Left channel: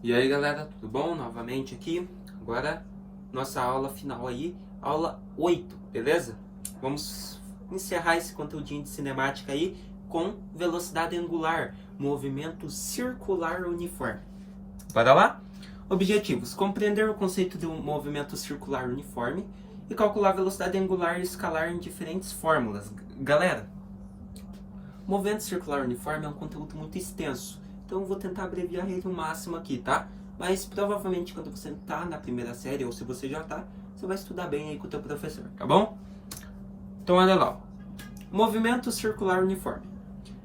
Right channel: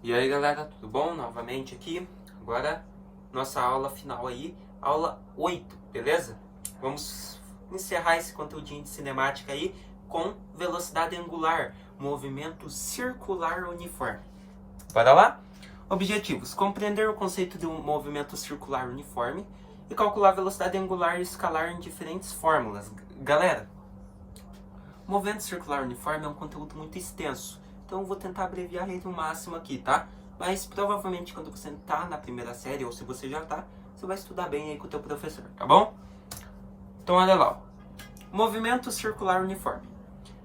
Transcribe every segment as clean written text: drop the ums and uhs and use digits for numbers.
E aí galera, tudo bom? Novamente aqui, agora nossa aula final aí, aula 8, beleza? Vamos encerrar esse conteúdinho de cinemática aí com velocidade angular, movimento circular uniforme. Bora lá? Objetivos: compreender o conceito de um movimento circular uniforme e calcular a velocidade angular e escalar em diferentes fórmulas. Galera, movimento circular uniforme é um conteúdo muito extenso, então eu vou tentar abreviar ele o máximo aqui, tá? Mas provavelmente quando você tá na primeira série, ou se você já tá, você vai estudar bem aí com o teu professor, tá bom? Então olha lá, movimento circular uniforme.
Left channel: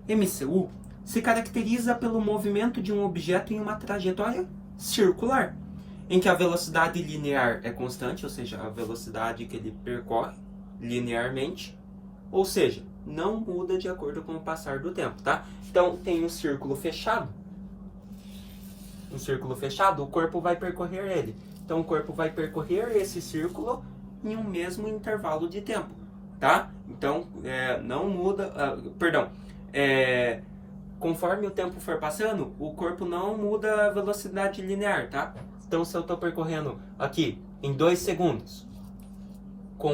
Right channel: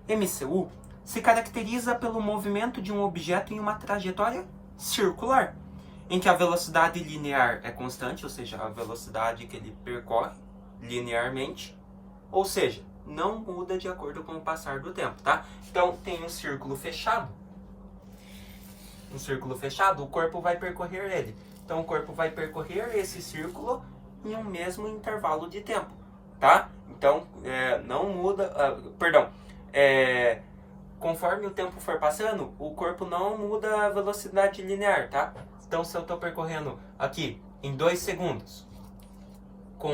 MCU se caracteriza pelo movimento de um objeto em uma trajetória circular, em que a velocidade linear é constante, ou seja, a velocidade que ele percorre linearmente, ou seja, não muda de acordo com o passar do tempo, tá? Então, tem um círculo fechado. Um círculo fechado, o corpo vai percorrer ele. Então, o corpo vai percorrer esse círculo em um mesmo intervalo de tempo, tá? Então, não muda... conforme o tempo for passando, o corpo não muda a velocidade linear, tá? Então, se eu estou percorrendo aqui em 2 segundos, com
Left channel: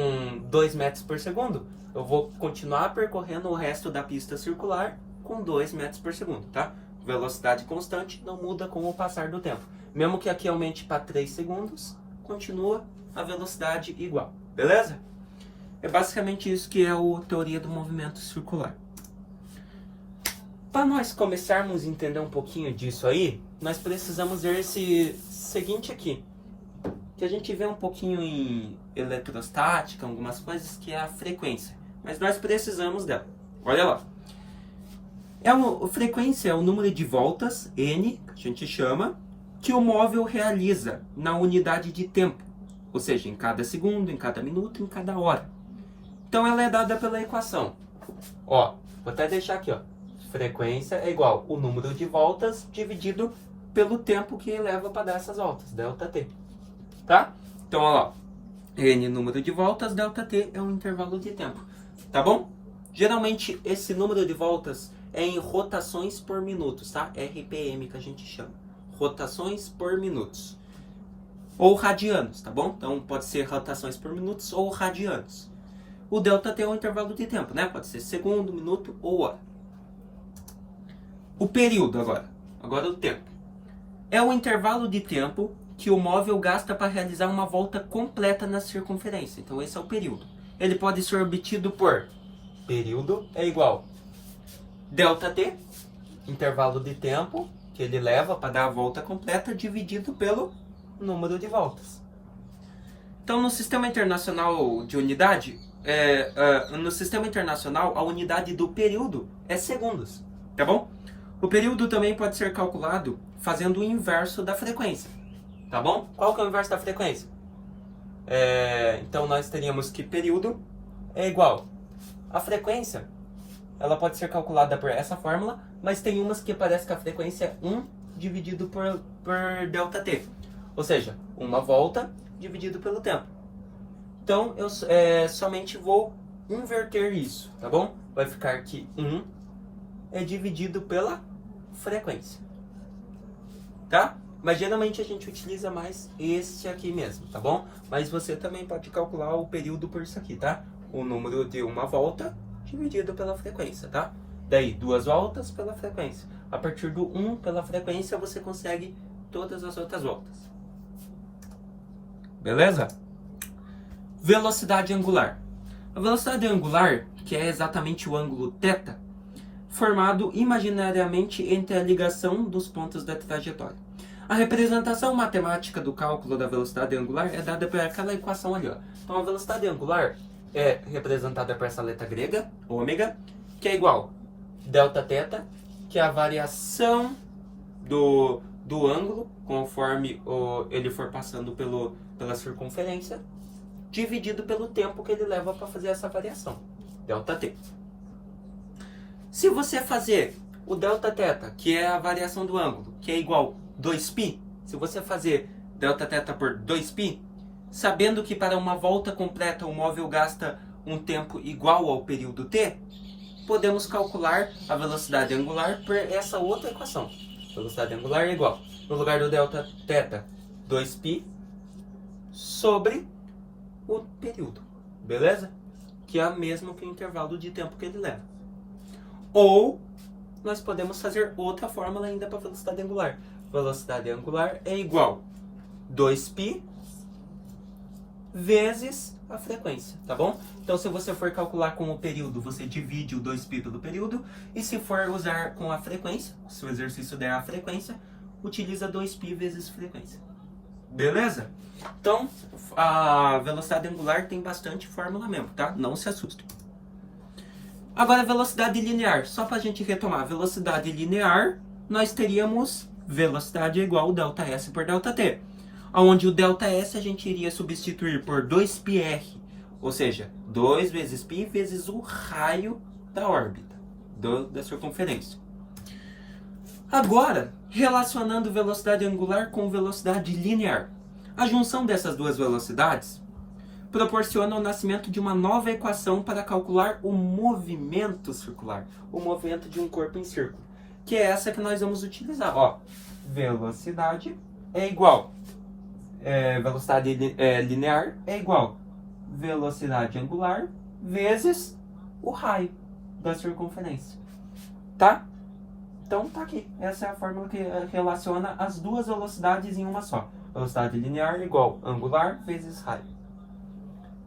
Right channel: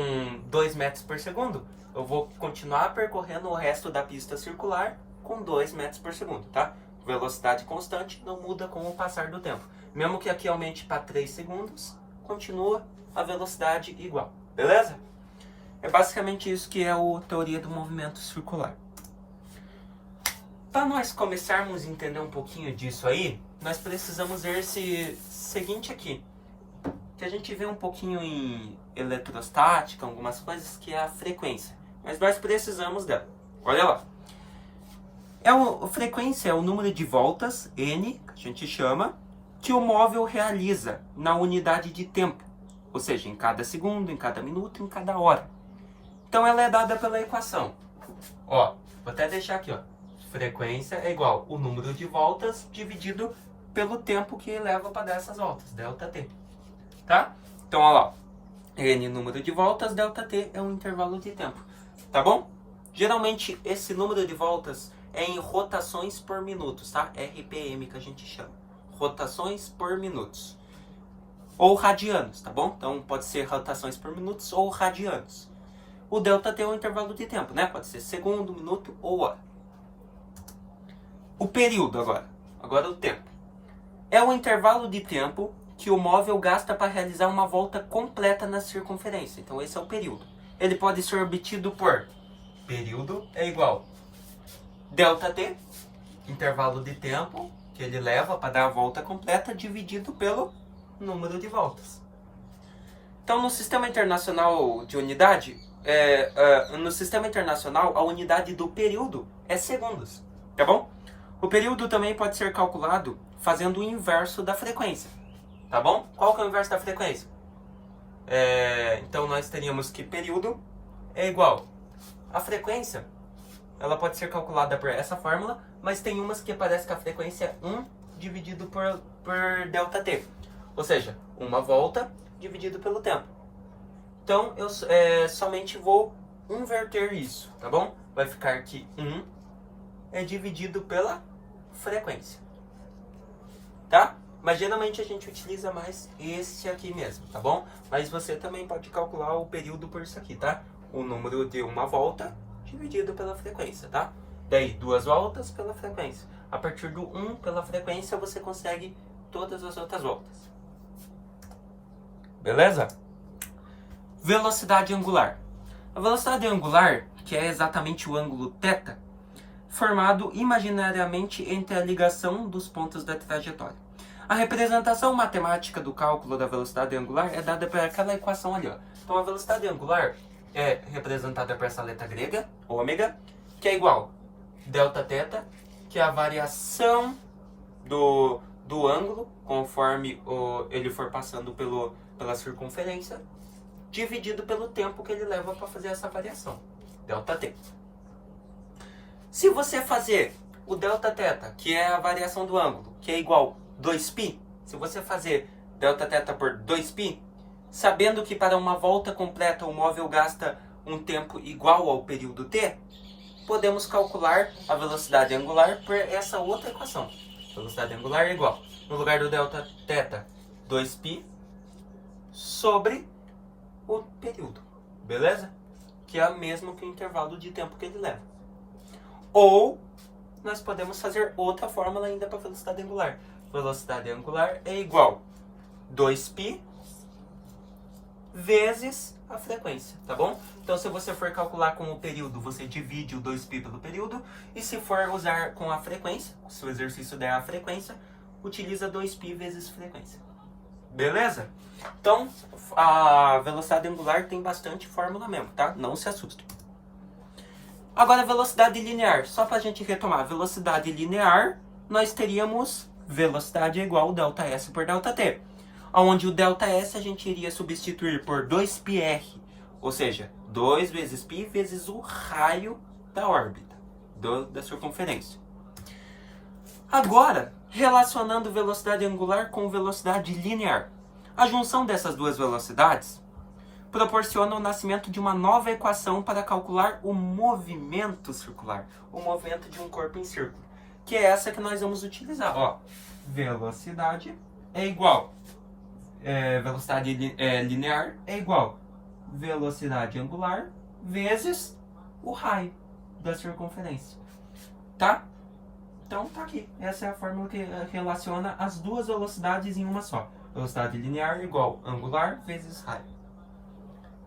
2 metros por segundo, eu vou continuar percorrendo o resto da pista circular com 2 metros por segundo, tá? Velocidade constante, não muda com o passar do tempo. Mesmo que aqui aumente para 3 segundos, continua a velocidade igual, beleza? É basicamente isso que é a teoria do movimento circular. Para nós começarmos a entender um pouquinho disso aí, nós precisamos ver esse seguinte aqui, que a gente vê um pouquinho em eletrostática, algumas coisas, que é a frequência. Mas nós precisamos dela. Olha lá. A frequência é o número de voltas, N, que a gente chama, que o móvel realiza na unidade de tempo. Ou seja, em cada segundo, em cada minuto, em cada hora. Então ela é dada pela equação. Ó, vou até deixar aqui, ó. Frequência é igual o número de voltas dividido pelo tempo que leva para dar essas voltas, ΔT. Tá? Então, olha lá. N número de voltas, ΔT é um intervalo de tempo. Tá bom? Geralmente, esse número de voltas é em rotações por minutos, tá? RPM que a gente chama. Rotações por minutos. Ou radianos, tá bom? Então, pode ser rotações por minutos ou radianos. O ΔT é um intervalo de tempo, né? Pode ser segundo, minuto ou hora. O período agora. Agora o tempo. É o intervalo de tempo que o móvel gasta para realizar uma volta completa na circunferência. Então esse é o período. Ele pode ser obtido por período é igual ΔT, intervalo de tempo que ele leva para dar a volta completa, dividido pelo número de voltas. Então no Sistema Internacional de Unidade, no Sistema Internacional a unidade do período é segundos, tá bom? O período também pode ser calculado fazendo o inverso da frequência. Tá bom? Qual que é o inverso da frequência? Então nós teríamos que período é igual a frequência. Ela pode ser calculada por essa fórmula, mas tem umas que parece que a frequência é 1 dividido por ΔT. Ou seja, uma volta dividido pelo tempo. Então eu somente vou inverter isso, tá bom? Vai ficar que 1 é dividido pela frequência. Tá? Mas geralmente a gente utiliza mais esse aqui mesmo, tá bom? Mas você também pode calcular o período por isso aqui, tá? O número de uma volta dividido pela frequência, tá? Daí, 2 voltas pela frequência. A partir do 1 pela frequência, você consegue todas as outras voltas. Beleza? Velocidade angular. A velocidade angular, que é exatamente o ângulo θ, formado imaginariamente entre a ligação dos pontos da trajetória. A representação matemática do cálculo da velocidade angular é dada por aquela equação ali, ó. Então a velocidade angular é representada por essa letra grega, ômega, que é igual Δθ, que é a variação do ângulo conforme ele for passando pela circunferência, dividido pelo tempo que ele leva para fazer essa variação, ΔT. Se você fazer o Δθ, que é a variação do ângulo, que é igual 2π, se você fazer Δθ por 2π, sabendo que para uma volta completa o móvel gasta um tempo igual ao período t, podemos calcular a velocidade angular por essa outra equação. Velocidade angular é igual, no lugar do delta θ, 2π sobre o período, beleza? Que é a mesma que o intervalo de tempo que ele leva. Ou nós podemos fazer outra fórmula ainda para velocidade angular. Velocidade angular é igual 2π vezes a frequência, tá bom? Então, se você for calcular com o período, você divide o 2π pelo período. E se for usar com a frequência, se o exercício der a frequência, utiliza 2π vezes frequência. Beleza? Então, a velocidade angular tem bastante fórmula mesmo, tá? Não se assuste. Agora, velocidade linear. Só para a gente retomar. Velocidade linear, nós teríamos velocidade igual ΔS por ΔT. Onde o ΔS a gente iria substituir por 2πr. Ou seja, 2 vezes π vezes o raio da órbita, da circunferência. Agora, relacionando velocidade angular com velocidade linear. A junção dessas duas velocidades proporciona o nascimento de uma nova equação para calcular o movimento circular, o movimento de um corpo em círculo, que é essa que nós vamos utilizar. Ó, velocidade é igual, velocidade linear é igual velocidade angular vezes o raio da circunferência, tá? Então tá aqui, essa é a fórmula que relaciona as duas velocidades em uma só. Velocidade linear igual angular vezes raio.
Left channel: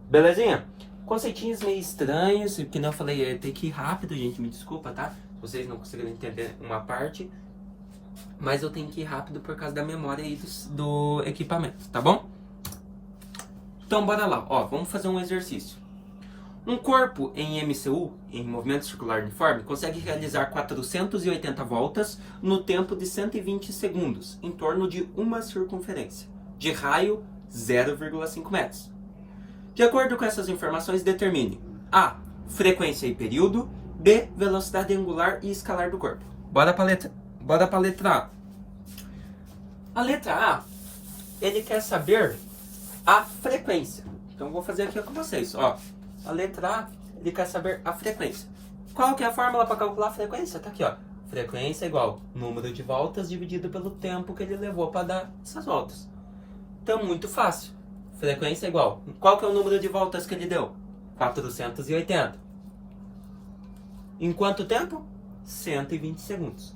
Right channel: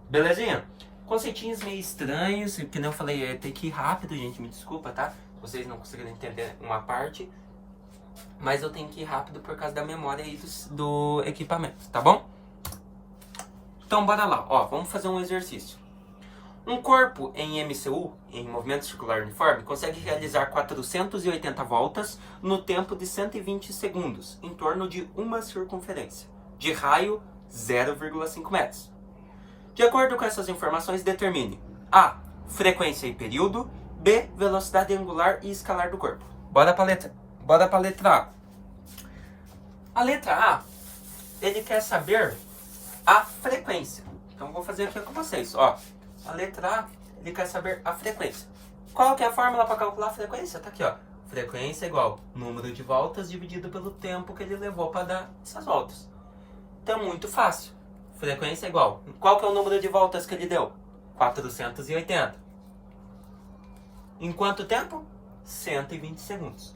Belezinha? Conceitinhos meio estranhos, que não eu falei, tem que ir rápido, gente, me desculpa, tá? Vocês não conseguiram entender uma parte, mas eu tenho que ir rápido por causa da memória aí do equipamento, tá bom? Então bora lá, ó, vamos fazer um exercício. Um corpo em MCU, em movimento circular uniforme, consegue realizar 480 voltas no tempo de 120 segundos, em torno de uma circunferência, de raio 0,5 metros. De acordo com essas informações, determine A. Frequência e período, B. Velocidade angular e escalar do corpo. Bora para a letra A. A letra A, ele quer saber a frequência. Então vou fazer aqui com vocês, ó. A letra A, ele quer saber a frequência. Qual que é a fórmula para calcular a frequência? Tá aqui, ó. Frequência é igual número de voltas dividido pelo tempo que ele levou para dar essas voltas. Então, muito fácil. Frequência é igual. Qual que é o número de voltas que ele deu? 480. Em quanto tempo? 120 segundos.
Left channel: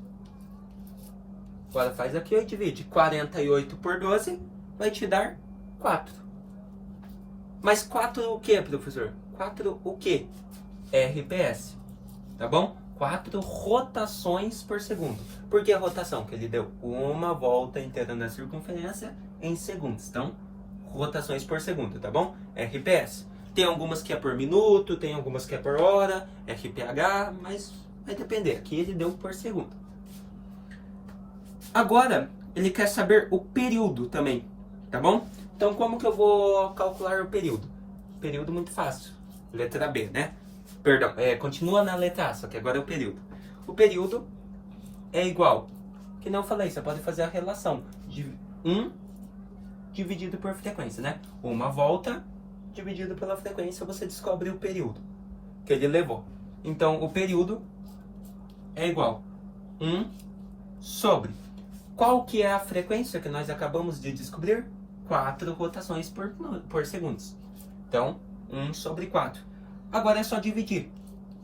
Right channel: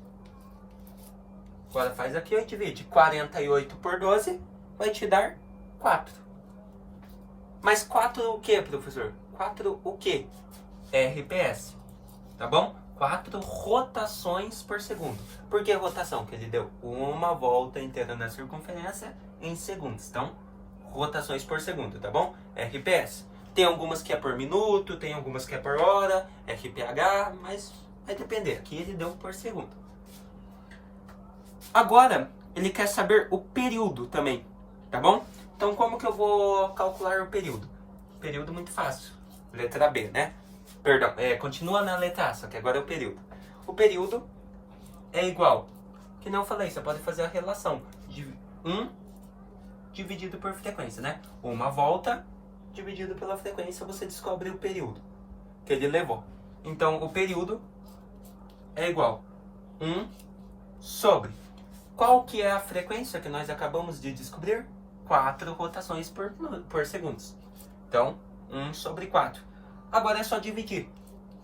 Agora faz aqui e divide. 48 por 12 vai te dar 4. Mas 4 o que, professor? 4 o que? RPS. Tá bom? 4 rotações por segundo. Por que rotação? Porque ele deu uma volta inteira na circunferência em segundos. Então, rotações por segundo, tá bom? RPS. Tem algumas que é por minuto, tem algumas que é por hora, RPH, mas vai depender. Aqui ele deu por segundo. Agora, ele quer saber o período também, tá bom? Então, como que eu vou calcular o período? Período muito fácil. Letra B, né? Perdão, continua na letra A, só que agora é o período. O período é igual, que não falei, você pode fazer a relação de 1 dividido por frequência, né? Uma volta dividido pela frequência, você descobre o período que ele levou. Então, o período é igual 1 sobre... Qual que é a frequência que nós acabamos de descobrir? 4 rotações por segundos. Então, 1 sobre 4. Agora é só dividir.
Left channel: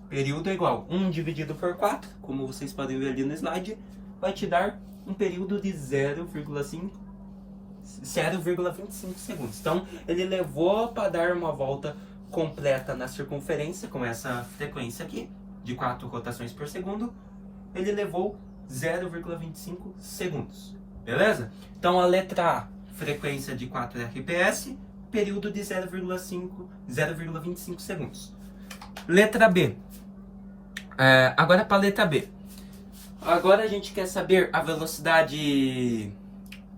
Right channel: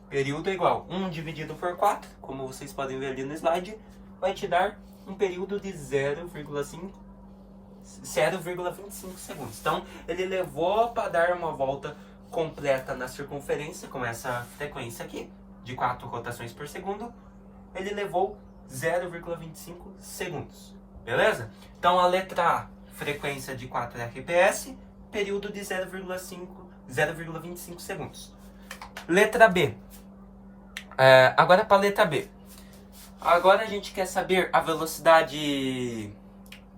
Período é igual 1 dividido por 4, como vocês podem ver ali no slide, vai te dar um período de 0,25 segundos. Então, ele levou para dar uma volta completa na circunferência, com essa frequência aqui, de 4 rotações por segundo, ele levou 0,25 segundos. Beleza? Então, a letra A, frequência de 4 RPS, período de 0,25 segundos. Letra B. Agora para a letra B. Agora a gente quer saber a velocidade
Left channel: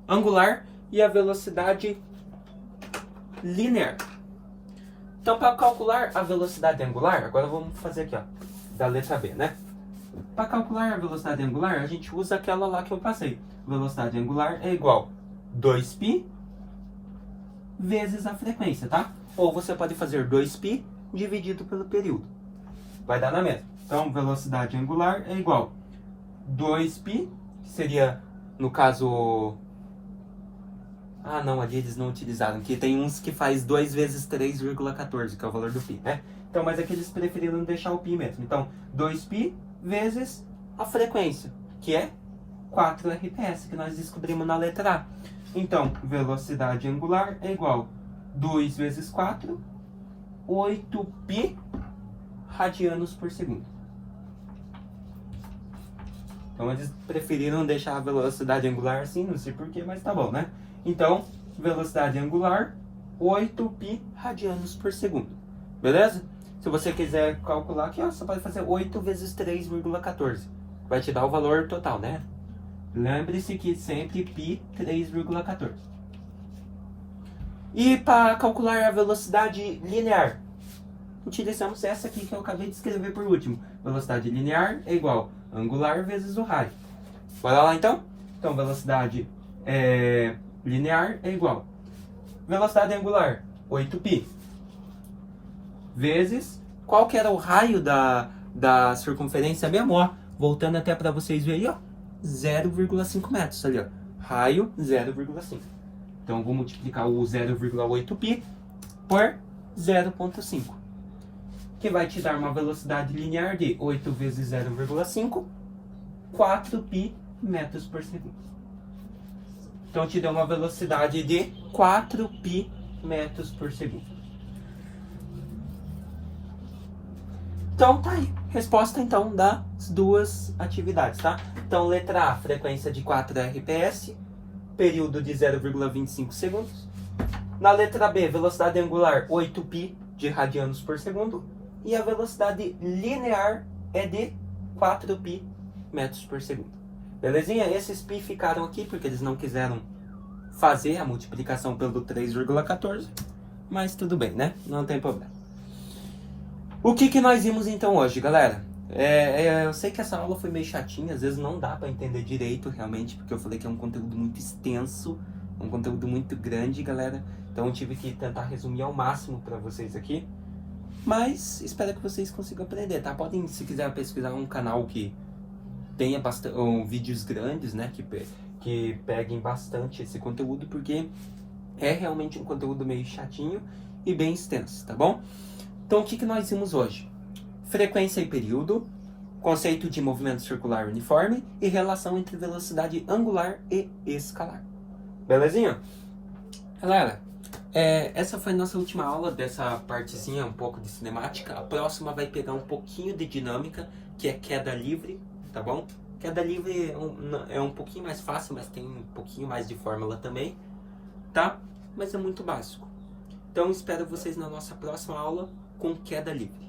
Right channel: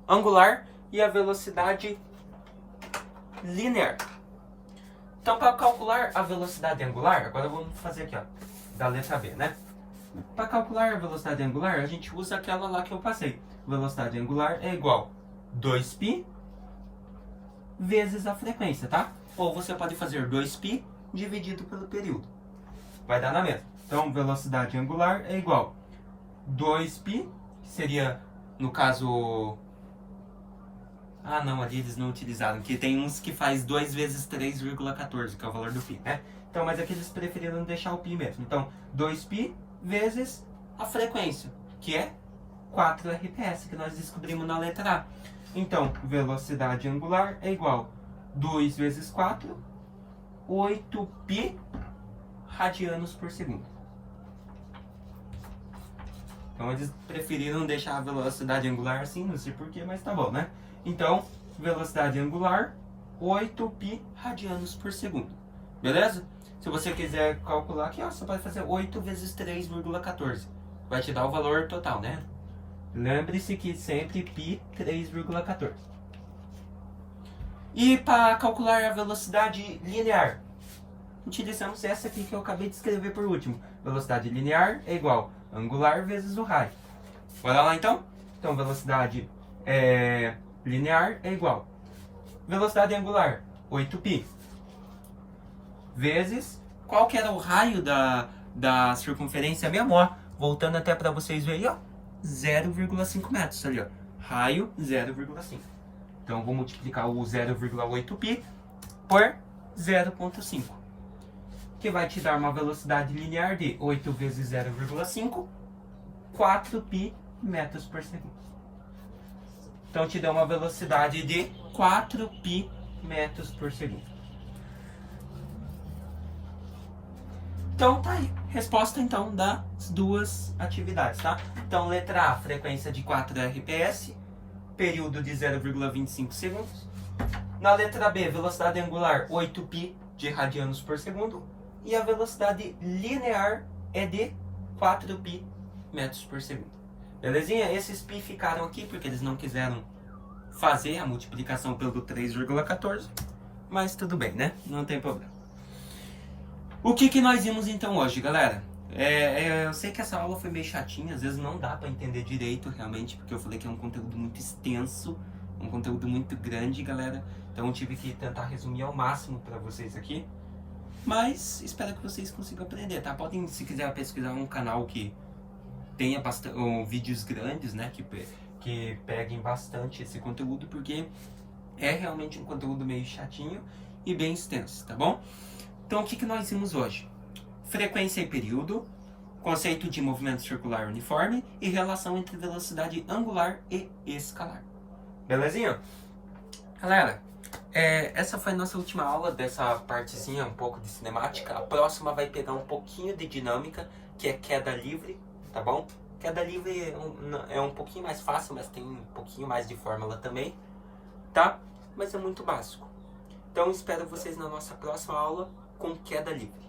angular e a velocidade linear. Então, para calcular a velocidade angular, agora vamos fazer aqui, ó, da letra B, né? Para calcular a velocidade angular, a gente usa aquela lá que eu passei. Velocidade angular é igual 2π vezes a frequência, tá? Ou você pode fazer 2π dividido pelo período. Vai dar na mesma. Então, velocidade angular é igual 2π que seria, no caso... Ah, não, ali eles não utilizaram, que tem uns que faz 2 vezes 3,14, que é o valor do π, né? Então, mas aqui eles preferiram deixar o π mesmo. Então, 2π vezes a frequência, que é 4 RPS, que nós descobrimos na letra A. Então, velocidade angular é igual a 2 vezes 4, 8π radianos por segundo. Então, eles preferiram deixar a velocidade angular assim, não sei porquê, mas tá bom, né? Então, velocidade angular, 8π radianos por segundo. Beleza? Se você quiser calcular aqui, ó, você pode fazer 8 vezes 3,14. Vai te dar o valor total, né? Lembre-se que sempre π 3,14. E para calcular a velocidade linear, utilizamos essa aqui que eu acabei de escrever por último. Velocidade linear é igual a angular vezes o raio. Bora lá então? Então, velocidade linear é igual a velocidade angular, 8π, vezes, qual que era o raio da circunferência mesmo, ó? Voltando até para vocês verem, ó. 0,5 metros ali, ó. Raio 0,5. Então, vou multiplicar o 0,8π por 0,5. Que vai te dar uma velocidade linear de 8 vezes 0,5, 4π metros por segundo. Então, te deu uma velocidade de 4π metros por segundo. Então, tá aí. Resposta, então, das duas atividades, tá? Então, letra A, frequência de 4 RPS, período de 0,25 segundos. Na letra B, velocidade angular, 8π de radianos por segundo. E a velocidade linear é de 4π metros por segundo. Belezinha? Esses π ficaram aqui porque eles não quiseram fazer a multiplicação pelo 3,14. Mas tudo bem, né? Não tem problema. O que nós vimos então hoje, galera? Eu sei que essa aula foi meio chatinha, às vezes não dá para entender direito realmente, porque eu falei que é um conteúdo muito extenso, um conteúdo muito grande, galera. Então eu tive que tentar resumir ao máximo para vocês aqui. Mas espero que vocês consigam aprender, tá? Podem, se quiser, pesquisar um canal que tenha vídeos grandes, né? Que peguem bastante esse conteúdo, porque é realmente um conteúdo meio chatinho e bem extenso, tá bom? Então, o que nós vimos hoje? Frequência e período, conceito de movimento circular uniforme e relação entre velocidade angular e escalar. Belezinha? Galera, essa foi a nossa última aula dessa partezinha, um pouco de cinemática. A próxima vai pegar um pouquinho de dinâmica, que é queda livre, tá bom? Queda livre é um pouquinho mais fácil, mas tem um pouquinho mais de fórmula também, tá? Mas é muito básico. Então, espero vocês na nossa próxima aula com queda livre.